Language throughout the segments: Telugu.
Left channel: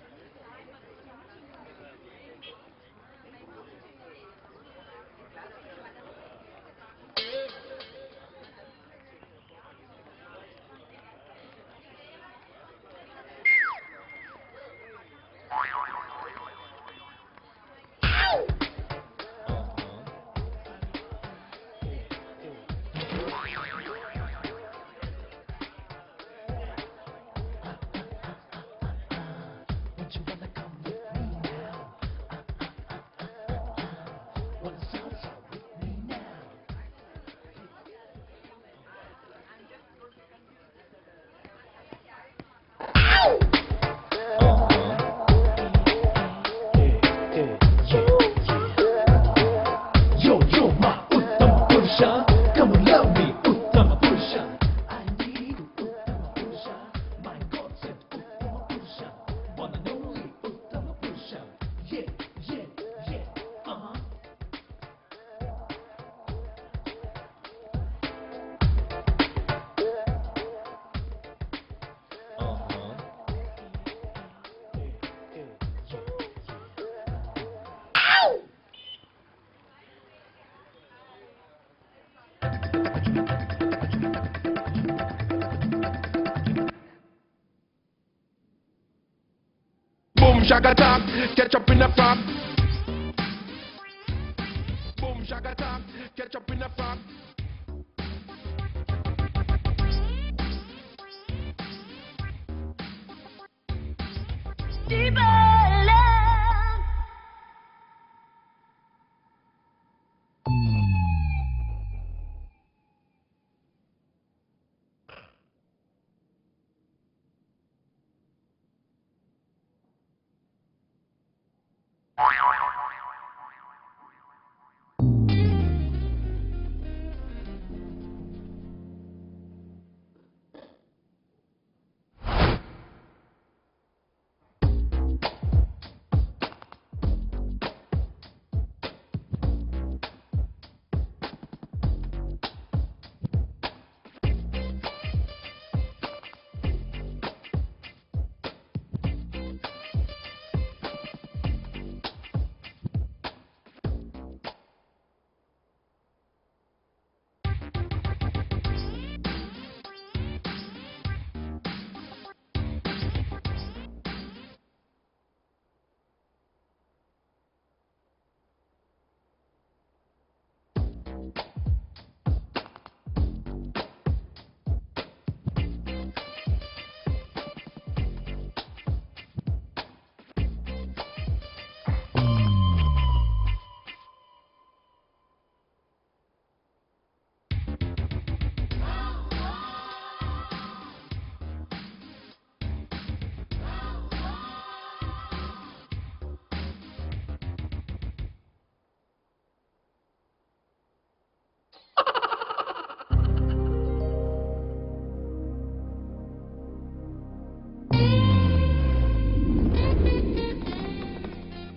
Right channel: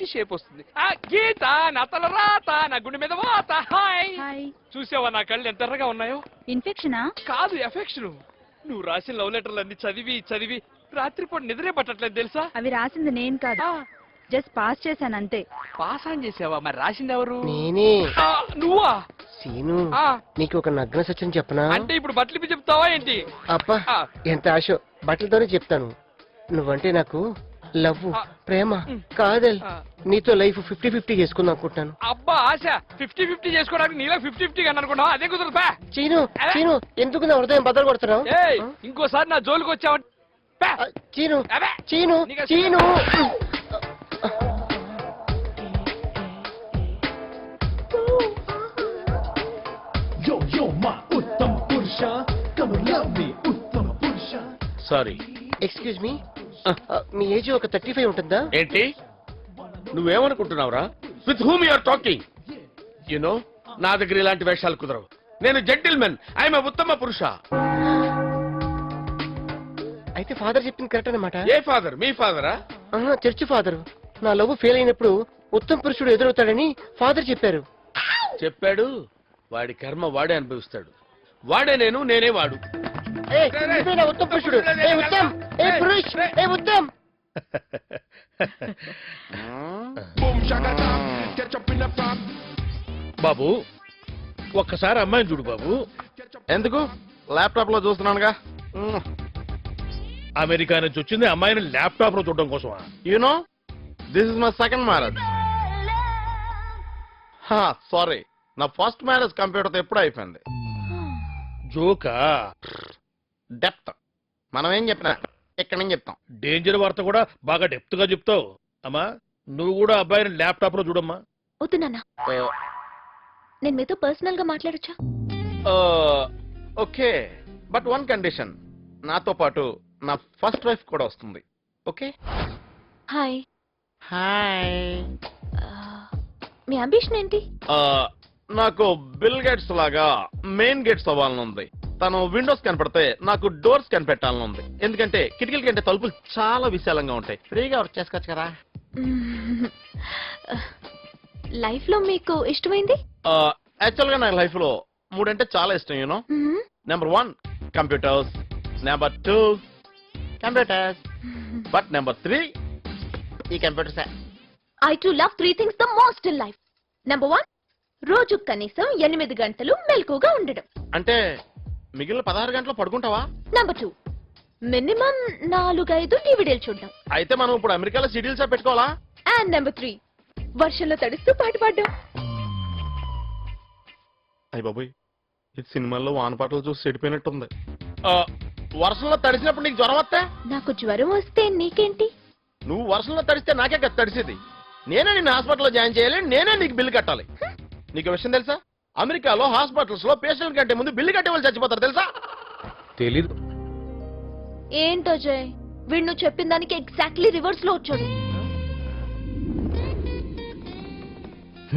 మంచి షేప్ వస్తుంది. ఆ గీత నా తల రాత నా గుండె మీద వాత. Hi hi. చూసావా నా కళ్ళు ఎంత ఎర్రగా ఉన్నాయో? ఇన్ఫెక్షనా? కాదు, ఎఫెక్షన్. నువ్వు రాసిన లవ్ లెటర్లు అన్ని చదివి చదివి రాత్రిపూట నిద్రే పట్టట్లేదు తెలుసా? అవి రాసింది నేను కాదు, జస్ట్ పాస్ చేశాను అంతే. పాస్ ఆన్ చేసావా? మరి రాసింది ఎవరు? నేనే. నువ్వా? సీను, ఆ. నీకు ఒక నగ్న సత్యం చెప్పనా? అంటే ఇప్పుడు బట్టలు చెప్తావా ఏంటి? అబ్బా ఎంత ఆశ, బట్టలతోనే చెప్తాను. నువ్వంటే నాకు లవ్, ప్రేమ, కాదల్, నీతో లైఫ్ 50-50 చేసుకుందాం అనుకుంటున్నాను. అబ్బా ఆశ 50-50 చేసుకోవడానికి నీలో 50-50 అని అనుకున్నావా? అదే కుదరదు బా. చీను చీను, ఎందుకు నా హృదయం బద్దలు కొడుతున్నావు? ఏయ్, ఇంకోసారి నా జోలికి వచ్చావంటే Cheenu Cheenu Cheenu. Sorry, excuse me, మీ ఏజ్ ఒక 35 ఉంటుందా? ఏంటి నువ్వేమనుకుంటున్నావురా? With whom you are talking? You know, నా దగ్గర ఇలాంటి వేషాలు కుదరవు. నేను జెంటిల్మెన్, ఐఎమ్ ఉత్తమ పురుష. అయితే ఫాదర్ చెప్పింది కరెక్ట్ అన్నమాట. ఏ ఫాదర్? మీ ఫాదరా? Church father. నా లవ్ ఫెయిల్ అయినప్పుడు ఉత్తమ పురుషుడు ఎదురవుతాడని ఫాదర్ చెప్పారు. చెప్పాడు. వాడి కర్మ వాడే అనుభవిస్తాడు. వాడే నేను, నేనే వాడు. ఉత్తమ పురుషుడు. ఉత్తమ్. బాబు, ఒక్కసారి అమ్మాయిని చూడు బాబు. ఎందుకు? ల్యాప్టాప్ లో చూస్తున్నానుగా. అమెరికా నుంచి వచ్చింది అమ్మాయిని ల్యాప్టాప్ లో చూడడం కోసమా? You know, this is my second marriage. Sorry, నా ఫస్ట్ మ్యారేజ్ కంప్యూటర్ తో ఎప్పుడు అయిపోయింది. జోకా? డెప్త్ మనం ఏం చెప్పినా ఇక్కడ నుంచి చెప్తాం. డేంజర్ వార్త కూడా బాగా డెప్త్ గా చెప్తావు. అమ్మా, నువ్వు కూడా అబ్బాయిని ల్యాప్టాప్ లో చూడమ్మా. వద్దు నాన్న, నేను మీతో పర్సనల్ గా మాట్లాడొచ్చా? Okay, but one condition. నాతో పాటు నా ఫస్ట్ వైఫ్ కూడా వస్తుంది. ఓకే? హాయ్. హాయ్. మీ అంబిషన్ ఏంటి? నాకు బిల్ గేట్స్ లాగా మెయిన్ గేట్స్ అవ్వాలని ఉంది. తను విండోస్ కనపడితే నాకు డోర్స్ కనిపెట్టాలని ఉంది. ఎందుకంటే కిటికీల కంటే తలుపులు చాలా విశాలంగా ఉంటాయి. ఫ్రీగా వర్క్ చేసుకోవచ్చు కదా. లైఫ్ లో మీకు ఇష్టమైంది? యాక్చువల్ గా నా లైఫ్ లో 3 అంటే చాలా ఇష్టం. You know, number 1 computers, number 2 computers, but number 3 ఈ computers. I too love 3 things the most in life. Number 1, రోజు కనీసం 8 గంటలు మెలకుగా ఉండడం. అంటే మిగిలిన 16 గంటలు పడుకుంటావా? Number 2, మినిమం 4-5 డివిడీలు చూడడం. అయితే మనం ఇప్పుడు అమెరికాలో సిటీల్సా పెట్టుకోవాలా? And number 3, వర్షంలో తడుస్తూ పాట పాడడం. అయ్య బాబోయ్, ఇది సినిమాల్లో వానపాటలు చూసి చెడిపోయినట్టుంది. వర్షంలో తడిసినప్పుడు నీకు జ్వరం వస్తే? నాకు జ్వరం వస్తే నీకేంటి? నువ్వు వర్షంలో తడిస్తే నాకే కదా తడిసేది. నేనే నిన్ను హాస్పిటల్లో జాయిన్ చేయాలి, నేనే నీకు బిల్లు కట్టాలి. నీకు విషయం తెలుసా? అమెరికాలో హాస్పిటల్స్ లో పేషెంట్ కంటే ముందు బిల్లు కట్టే వాళ్ళు చచ్చిపోతారు తెలుసా? తెలీదు. ఏంటో జయ్, వీడు నువ్వు చెప్పిన దానికి ఎగ్జాక్ట్లీ రివర్స్ లో వచ్చాడు.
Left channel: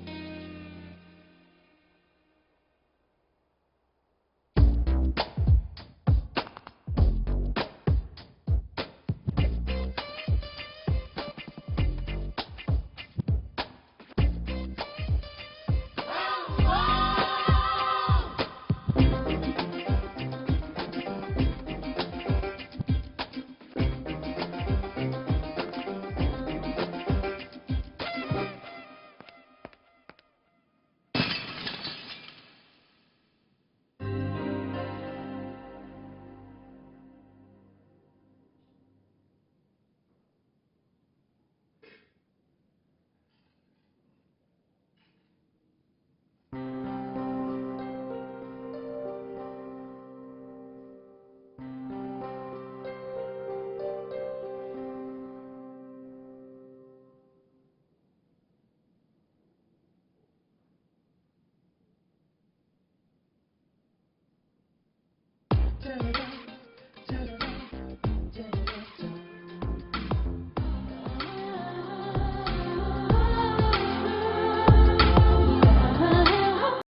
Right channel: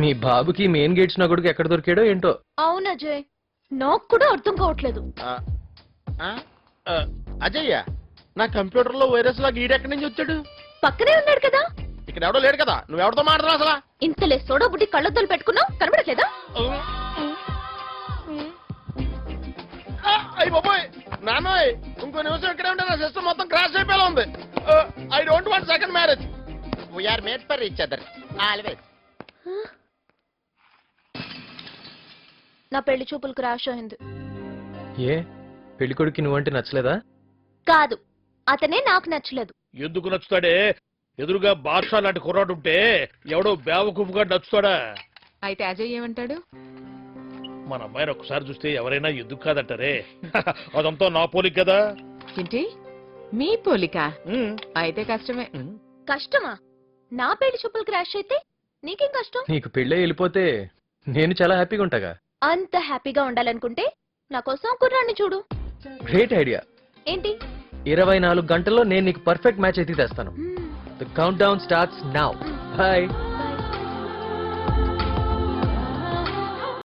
మీ బాబుకి మెయిన్ గేట్స్ నా కొడుకు ఎక్కడ దొరికాడో ఏంటో. అవునా జయ్, నాకు కూడా అర్థం కావట్లేదు. అజయ్య, నా కంప్యూటర్ లో వైరస్ లాగా ఈడెక్కడి నుంచి వచ్చాడు? పక్కనే ఉన్నాడు కదా. ఇక్కడ ఎవడో లేడు కదా, నువ్వెవరితో మాట్లాడుతున్నావు అసలు? ఇంతలే సోడా బుట్టి కళ్ళొద్దులు పెట్టుకున్నావు, కనబడట్లేదా? అయ్యి బాబోయ్, నాన్నోయ్, ఇంకో నిమిషం ఇక్కడే ఉంటే నా సిస్టమ్ మొత్తం క్రాష్ అయిపోయేలా ఉంది. I don't want second marriage. We're made for each other. Always. నా పెళ్లి చూపులు క్రాష్ అయింది. ఏ పెళ్లి కొడుకు నువ్వంటే నచ్చలేదా? కాదు, అతనే నాకు నచ్చలేదు. ఎందుకు నచ్చుతాడే? ఎదురుగా బాద్షా లాంటి కుర్రాడు ఉంటే ఎవడో బేవకూపుగా నచ్చుతాడా? అయితే అజయ్ ఏమంటాడు? మన అమ్మాయిని ఒకసారి చూస్తే ఎవరైనా ఎందుకు కాదంటారే. అదంతా నా పోలిక కదా. ఏంటి మీ పోలిక? అయితే కష్టమే. కష్టమా? నా పెళ్లి చూపులు క్రాష్ అయితే నీకేం కష్టం? నీకు పెళ్ళే వెళ్ళిపోతే నేను చాలా హ్యాపీగా ఉంటాగా. అంత హ్యాపీగా ఉండాలనుకుంటే నా కోసం కుర్రాన్ని చూడు. Great idea. ఏంటి? 24 గంటల్లో నేను నీకు పర్ఫెక్ట్ మ్యాచ్ అయితే తెస్తాను. The countdown starts now. Bye.